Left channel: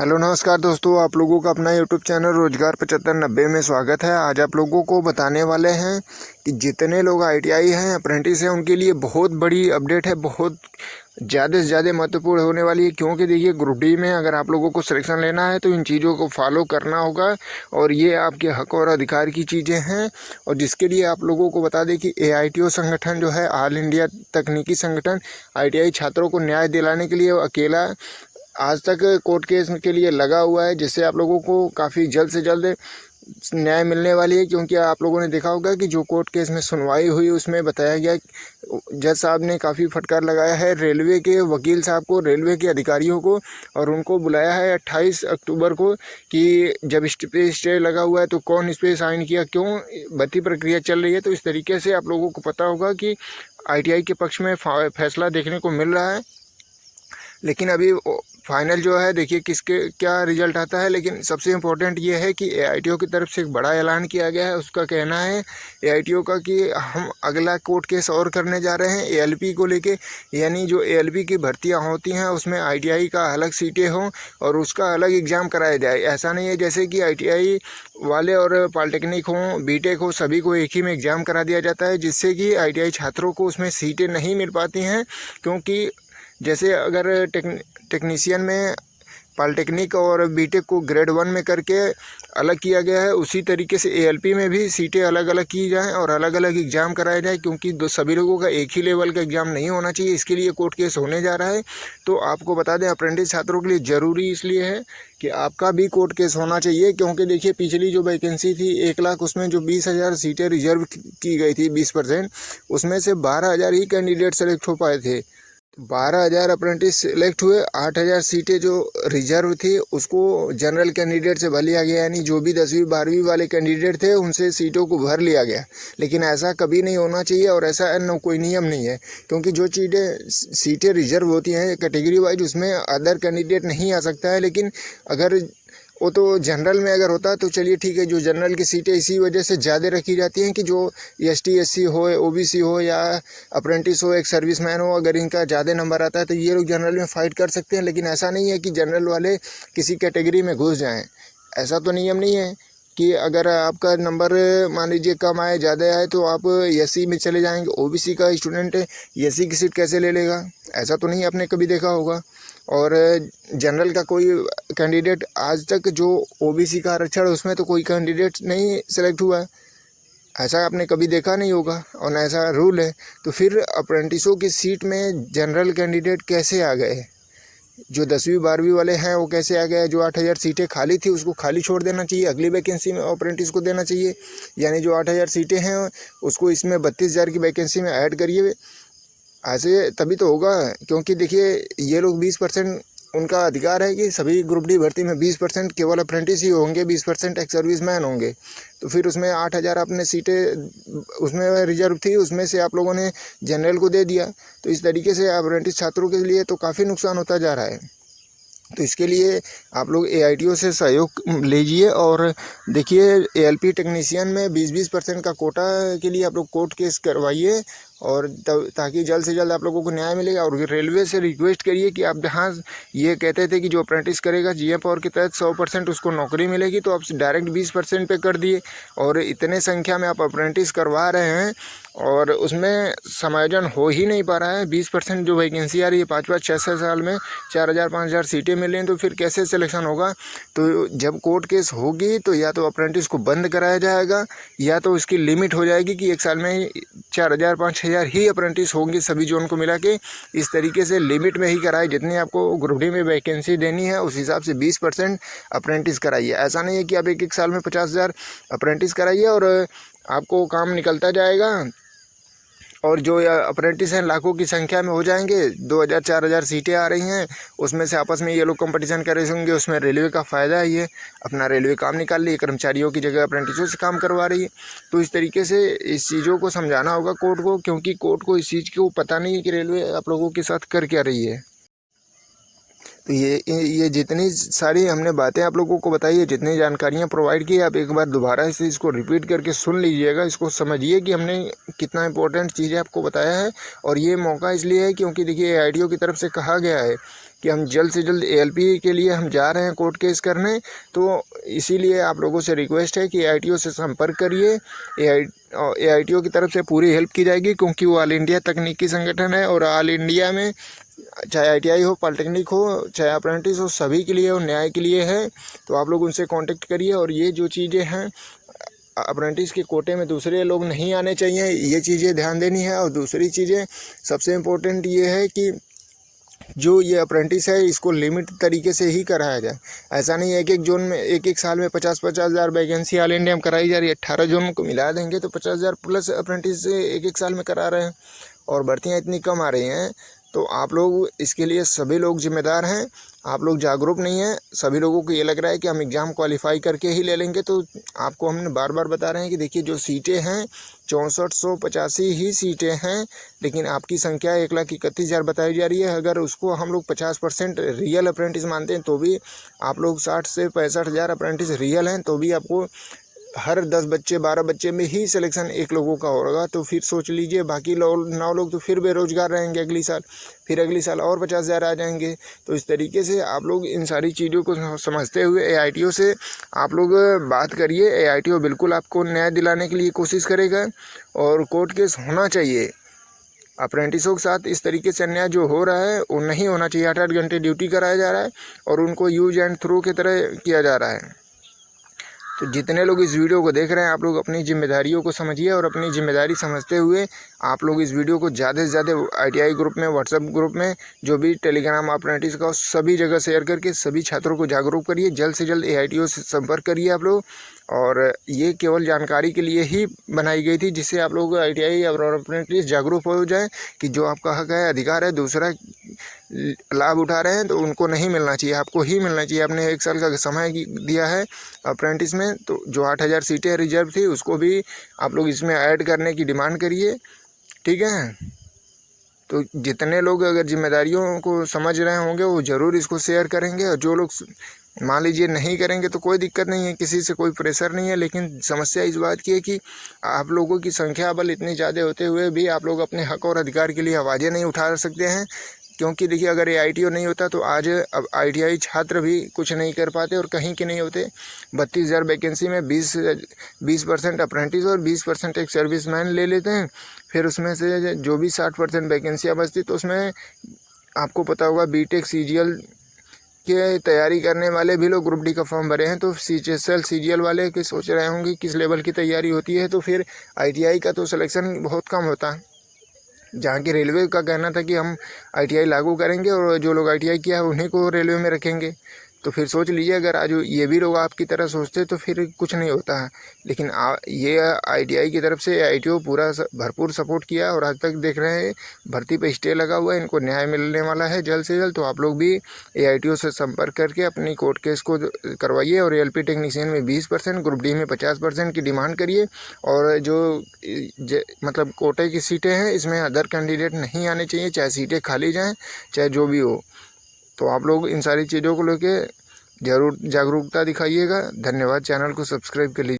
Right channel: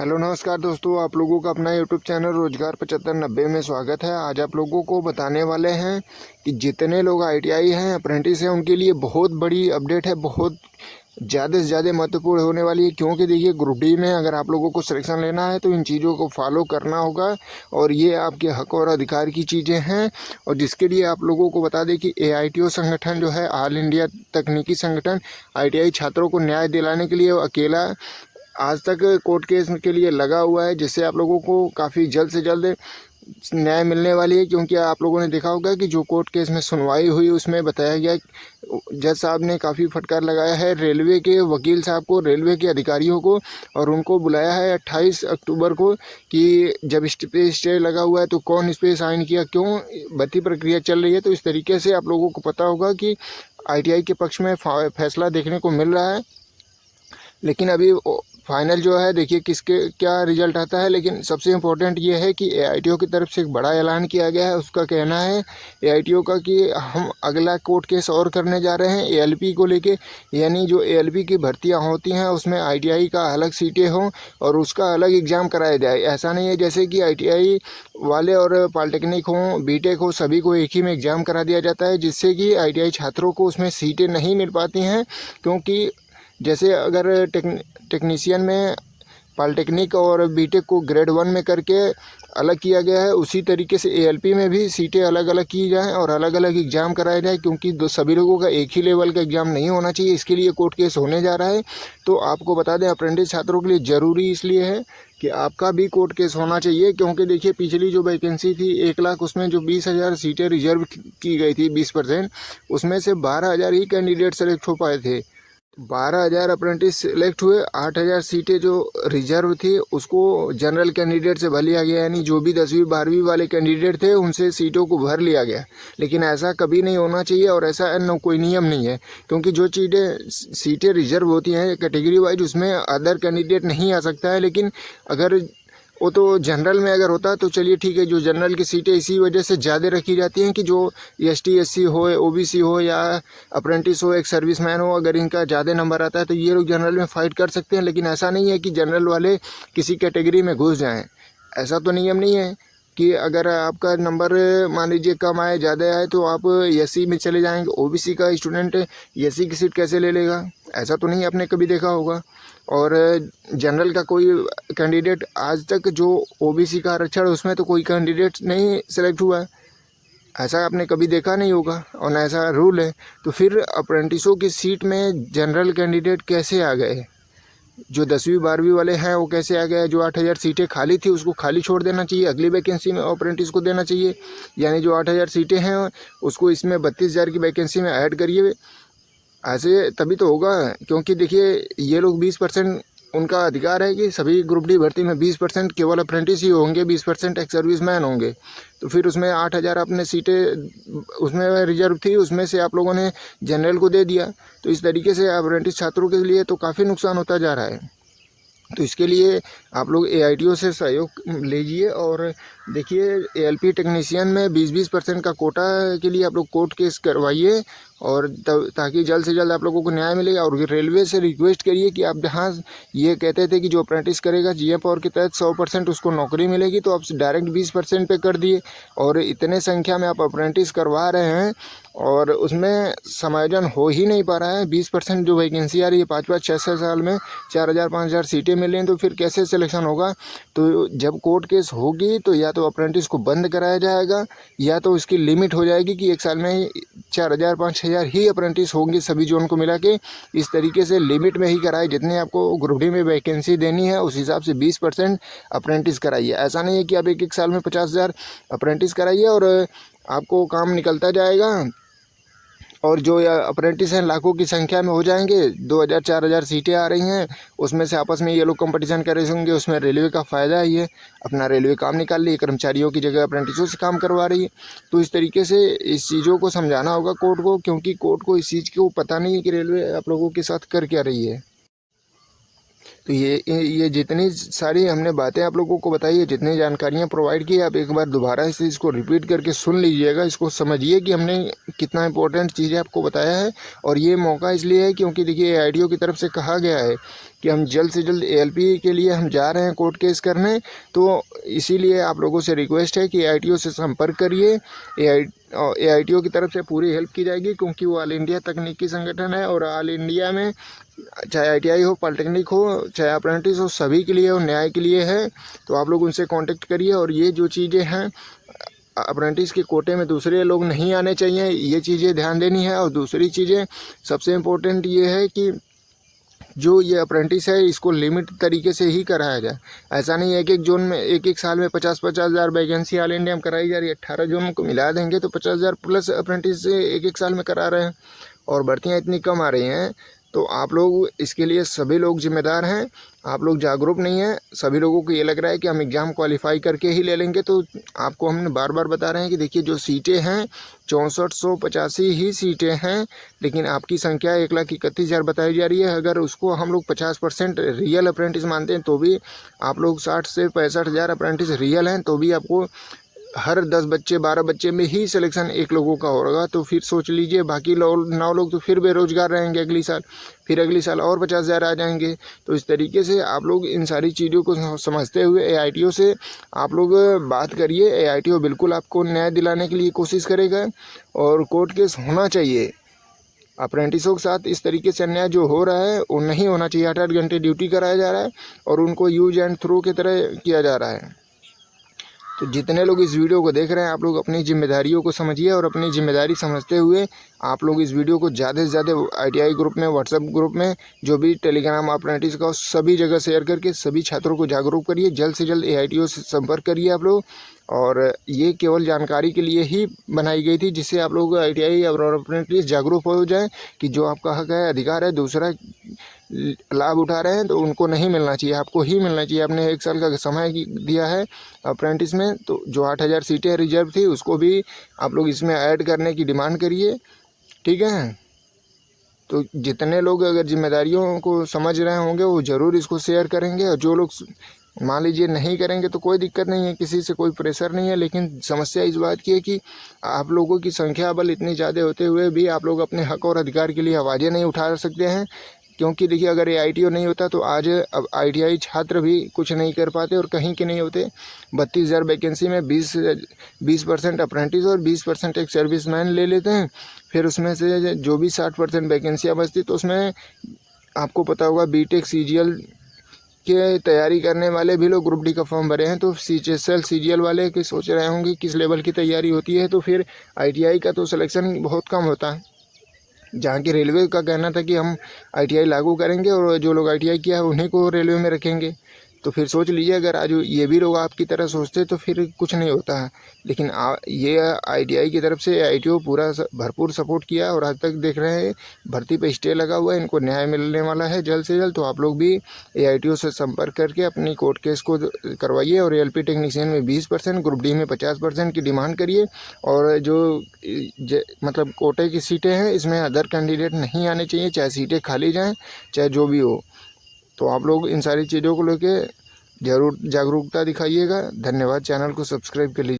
Hello नमस्कार दोस्तों, आप लोगों का अपना यूट्यूब चैनल रोजगार 7590 में स्वागत है। आज आप लोगों को बताने वाले हैं कि जितने लोग आईटीआई हैं, अप्रेंटिस हैं, उनके लिए बहुत बड़ी अपडेट है, बहुत ज़्यादा से ज़्यादा महत्वपूर्ण होने वाली है। क्योंकि देखिए, ग्रुप डी में अगर आप लोगों को सिलेक्शन लेना है तो इन चीज़ों को फॉलो करना होगा और ये आपके हक और अधिकार की चीज़ें हैं। और जिसके लिए आप लोगों को बता दें कि AITO संगठन जो है, ऑल इंडिया तकनीकी संगठन, आईटीआई छात्रों को न्याय दिलाने के लिए अकेला आज तक कोर्ट केस के लिए लगा हुआ है, जिससे आप लोगों को काफ़ी जल्द से जल्द न्याय मिलने वाली है। क्योंकि आप लोगों ने देखा होगा कि जो कोर्ट केस में सुनवाई हुई उसमें बताया गया, जज साहब ने काफ़ी फटकार लगाया है रेलवे के वकील साहब को, रेलवे के अधिकारियों को, और उनको बुलाया है 28 अक्टूबर को कि जब इस पे स्टे लगा हुआ है तो कौन इस पर साइन किया, क्यों भर्ती प्रक्रिया चल रही है। तो इस तरीके से आप लोगों को पता होगा कि आईटीआई के पक्ष में फैसला देखने को मिल रहा है। लेकिन अभी फाइनल जो है, देखिए किसके क्या रिजल्ट आता है। लेकिन सबसे इम्पोर्टेंट ये है कि AITO की तरफ से एक बड़ा ऐलान किया गया है। उसका कहना है AITO का कि हम अगला कोर्ट केस और करने जा रहे हैं ALP को लेके, यानी जो ALP की भर्तियां होती हैं उसमें ITI का अलग सीटें हों और उसका अलग एग्ज़ाम कराया जाए। ऐसा नहीं है जैसे कि ITI वाले और पॉलिटेक्निक हों, बीटेक हो, सभी को एक ही में एग्ज़ाम करा दिया जाता है, जिससे कि ITI छात्रों को उसमें सीटें नहीं मिल पाती हैं। क्योंकि जैसे अगर टेक्नीशियन में पॉलिटेक्निक और बीटेक को ग्रेड 1 में करके अलग किया गया है, उसी तरीके से ALP में भी सीटें अलग अलग की जाएं और अलग अलग एग्ज़ाम कराए जाए। क्योंकि सभी लोगों का एक ही लेवल का एग्ज़ाम नहीं होना चाहिए, इसके लिए कोर्ट केस होने जा रहा है। तो आपको बता दें, अप्रेंटिस छात्रों के लिए ज़रूरी इसलिए है कि आपका भी कोर्ट केस होना चाहिए। क्योंकि देखिए, पिछली जो वैकेंसी थी 1 लाख, उसमें जो 20,000 सीटें रिजर्व की गई थी 20%, उसमें से 12,000 ही कैंडिडेट सेलेक्ट हो पाए थे। 12,000 अप्रेंटिस सेलेक्ट हुए, 8,000 सीटें जो रिजर्व थी उसको जनरल कैंडिडेट से भर लिया गया, यानी जो भी 10वीं 12वीं वाले कैंडिडेट थे उनसे सीटों को भर लिया गया। लेकिन ऐसा कभी नहीं होना चाहिए और ऐसा कोई नियम नहीं है। क्योंकि जो सीटें रिजर्व होती हैं कैटेगरी वाइज, उसमें अदर कैंडिडेट नहीं आ सकता है। लेकिन अगर वो तो जनरल में अगर होता तो चलिए ठीक है, जो जनरल की सीटें इसी वजह से ज़्यादा रखी जाती हैं कि जो ST SC हो, OBC हो या अप्रेंटिस हो, एक सर्विसमैन हो, अगर इनका ज़्यादा नंबर आता है तो ये लोग जनरल में फ़ाइट कर सकते हैं। लेकिन ऐसा नहीं है कि जनरल वाले किसी कैटेगरी में घुस जाएं। ऐसा तो नियम नहीं है कि अगर आपका नंबर मान लीजिए कम आए, ज़्यादा आए तो आप SC में चले जाएंगे। OBC का स्टूडेंट SC की सीट कैसे ले लेगा? ऐसा तो नहीं आपने कभी देखा होगा। और जनरल का कोई कैंडिडेट आज तक, जो OBC का आरक्षण है उसमें तो कोई कैंडिडेट नहीं सेलेक्ट हुआ है, ऐसा आपने कभी देखा नहीं होगा और ना ऐसा रूल है। तो फिर अप्रेंटिसों की सीट में जनरल कैंडिडेट कैसे आ गए? जो 10वीं 12वीं वाले हैं वो कैसे आ गए? जो 8,000 सीटें खाली थी उसको खाली छोड़ देना चाहिए, अगली वैकेंसी में अप्रेंटिस को देना चाहिए। यानी जो 8,000 सीटें हैं उसको इसमें 32,000 की वैकेंसी में ऐड करिए। ऐसे तभी तो होगा। क्योंकि देखिए, ये लोग 20%, उनका अधिकार है कि सभी ग्रुप डी भर्ती में 20% केवल अप्रेंटिस ही होंगे, 20% एक सर्विसमैन होंगे। तो फिर उसमें 8,000 अपने सीटें उसमें रिजर्व थी, उसमें से आप लोगों ने जनरल को दे दिया। तो इस तरीके से अप्रेंटिस छात्रों के लिए तो काफ़ी नुकसान होता जा रहा है। तो इसके लिए आप लोग AITO से सहयोग लीजिए और देखिए, ALP टेक्नीशियन में 20% का कोटा के लिए आप लोग कोर्ट केस करवाइए और ताकि जल्द से जल्द आप लोगों को न्याय मिलेगा। और रेलवे से रिक्वेस्ट करिए कि आप जहाँ ये कहते थे कि जो अप्रेंटिस करेगा GA पावर के तहत 100% उसको नौकरी मिलेगी, तो आप डायरेक्ट 20% पे कर दिए। और इतने संख्या में आप अप्रेंटिस करवा रहे हैं और उसमें समायोजन हो ही नहीं पा रहा है। 20% जो वैकेंसी आ रही है 5-5 6-6 साल में 4,000 5,000 सीटें मिल रही हैं, तो फिर कैसे सिलेक्शन होगा? तो जब कोर्ट केस होगी तो या तो अप्रेंटिस को बंद कराया जाएगा या तो उसकी लिमिट हो जाएगी कि 1 साल में 4,000 5,000 ही अप्रेंटिस होंगे सभी जोन को मिला के। इस तरीके से लिमिट में ही कराए, जितनी आपको ग्रुप डी में वैकेंसी देनी है उस हिसाब से 20% अप्रेंटिस कराइए। ऐसा नहीं है कि आप एक साल में 50,000 अप्रेंटिस कराइए और आपको काम निकलता जाएगा और जो अप्रेंटिस हैं लाखों की संख्या में हो जाएंगे। 2,000 4,000 सीटें आ रही हैं, उसमें से आपस में ये लोग कंपटीशन कर रहे होंगे। उसमें रेलवे का फ़ायदा है, ये अपना रेलवे काम निकाल रही है, कर्मचारियों की जगह अप्रेंटिसों से काम करवा रही है। तो इस तरीके से इस चीज़ों को समझाना होगा कोर्ट को, क्योंकि कोर्ट को इस चीज़ को पता नहीं है कि रेलवे आप लोगों के साथ कर क्या रही है। तो ये जितनी सारी हमने बातें आप लोगों को बताई है, जितनी जानकारियाँ प्रोवाइड की, आप एक बार दोबारा इस चीज़ को रिपीट करके सुन लीजिएगा, इसको समझिए कि हमने कितना इंपॉर्टेंट चीज़ें आपको बताया है। और ये मौका इसलिए है क्योंकि देखिए AITO की तरफ से कहा गया है कि हम जल्द से जल्द ALP के लिए हम जा रहे हैं कोर्ट केस करने। तो इसीलिए आप लोगों से रिक्वेस्ट है कि AITO से संपर्क करिए। AITO की तरफ से पूरी हेल्प की जाएगी, क्योंकि वो ऑल इंडिया तकनीकी संगठन है और ऑल इंडिया में चाहे ITI हो, पॉलिटेक्निक हो, चाहे अप्रेंटिस हो, सभी के लिए और न्याय के लिए है। तो आप लोग उनसे कांटेक्ट करिए। और ये जो चीज़ें हैं अप्रेंटिस के कोटे में दूसरे लोग नहीं आने चाहिए, ये चीज़ें ध्यान देनी है। और दूसरी चीज़ें सबसे इम्पोर्टेंट ये है कि जो ये अप्रेंटिस है इसको लिमिट तरीके से ही कराया जाए। ऐसा नहीं है एक जोन में एक साल में 50-50 हज़ार वैकेंसी ऑल इंडिया में कराई जा रही है। 18 जोन को मिला देंगे तो 50 हज़ार प्लस अप्रेंटिस एक साल में करा रहे हैं और भर्तियाँ इतनी कम आ रही हैं। तो आप लोग इसके लिए सभी लोग जिम्मेदार हैं, आप लोग जागरूक नहीं हैं। सभी लोगों को ये लग रहा है कि हम एग्ज़ाम क्वालिफाई करके ही ले लेंगे। तो आपको हमने बार बार बता रहे हैं कि देखिए जो सीटें हैं 6485 ही सीटें हैं, लेकिन आपकी संख्या 1,31,000 बताई जा रही है। अगर उसको हम लोग 50% रियल अप्रेंटिस मानते हैं तो भी आप लोग 60 से 65 हज़ार अप्रेंटिस रियल हैं, तो भी आपको हर 10 बच्चे 12 बच्चे में ही सिलेक्शन एक लोगों का होगा। तो फिर सोच लीजिए बाकी 9 लोग तो फिर बेरोजगार रहेंगे अगली साल, फिर अगली साल और 50 हज़ार आ जाएंगे। तो इस तरीके से आप लोग इन सारी चीज़ों को समझते हुए AITO से आप लोग बात करिए। AITO बिल्कुल आपको न्याय दिलाने के लिए कोशिश करेगा और कोर्ट केस होना चाहिए। अप्रेंटिसों के साथ इस तरीके से अन्याय जो हो रहा है वो नहीं होना चाहिए। 8-8 घंटे ड्यूटी कराया जा रहा है और उनको यूज एंड थ्रो की तरह किया जा रहा है। तो जितने लोग इस वीडियो को देख रहे हैं आप लोग अपनी जिम्मेदारियों को समझिए और अपनी जिम्मेदारी समझते हुए आप लोग इस वीडियो को ज़्यादा से ज़्यादा ITI ग्रुप में, व्हाट्सएप ग्रुप में, जो भी टेलीग्राम अप्रेंटिस का सभी जगह शेयर करके सभी छात्रों को जागरूक करिए। जल्द से जल्द AITO से संपर्क करिए आप लोग। और ये केवल जानकारी के लिए ही बनाई गई थी, जिससे आप लोग ITI और अप्रेंटिस जागरूक हो जाएं कि जो आपका हक है, अधिकार है, दूसरा लाभ उठा रहे हैं तो उनको नहीं मिलना चाहिए, आपको ही मिलना चाहिए। आपने 1 साल का समय दिया है अप्रेंटिस में, तो जो 8,000 सीटें रिजर्व थी उसको भी आप लोग इसमें ऐड करने की डिमांड करिए, ठीक है। तो जितने लोग अगर जिम्मेदारियों को समझ रहे होंगे वो ज़रूर इसको शेयर करेंगे। और जो लोग मान लीजिए नहीं करेंगे तो कोई दिक्कत नहीं है, किसी से कोई प्रेशर नहीं है। लेकिन समस्या इस बात की है कि आप लोगों की संख्या बल इतनी ज़्यादा होते हुए भी आप लोग अपने हक और अधिकार के लिए आवाज़ें नहीं उठा सकते हैं। क्योंकि देखिए अगर AITO नहीं होता तो आज अब ITI छात्र भी कुछ नहीं कर पाते और कहीं के नहीं होते। 32,000 वैकेंसी में 20% अप्रेंटिस और 20% एक सर्विसमैन ले लेते हैं। फिर उसमें से जो भी 60% वैकेंसियाँ बचती तो उसमें आपको पता होगा BTech CGL के तैयारी करने वाले भी लोग ग्रुप D का फॉर्म भरे हैं। तो CHSL CGL वाले कि सोच रहे होंगे किस लेवल की तैयारी होती है। तो फिर ITI का तो सिलेक्शन बहुत कम होता है। जहाँ की रेलवे का कहना था कि हम ITI लागू करेंगे और जो लोग ITI किया है उन्हीं को रेलवे में रखेंगे। तो फिर सोच लीजिए अगर आज ये भी लोग आपकी तरह सोचते तो फिर कुछ नहीं होता है। लेकिन ये ITI की तरफ से AITO पूरा भरपूर सपोर्ट किया और आज तक देख रहे हैं भर्ती पे स्टे लगा हुआ है, इनको न्याय मिलने वाला है जल्द से जल्द। तो आप लोग भी AITO से संपर्क करके अपनी कोर्ट केस को करवाइए और ALP टेक्नीशियन में 20%, ग्रुप D में 50% की डिमांड करिए। और जो मतलब कोटे की सीटें हैं इसमें अदर कैंडिडेट नहीं आने चाहिए, चाहे सीटें खाली जाएँ चाहे जो भी हो। तो आप लोग इन सारी चीज़ों को लेके ज़रूर जागरूकता दिखाइएगा। धन्यवाद। चैनल को सब्सक्राइब कर लीजिए।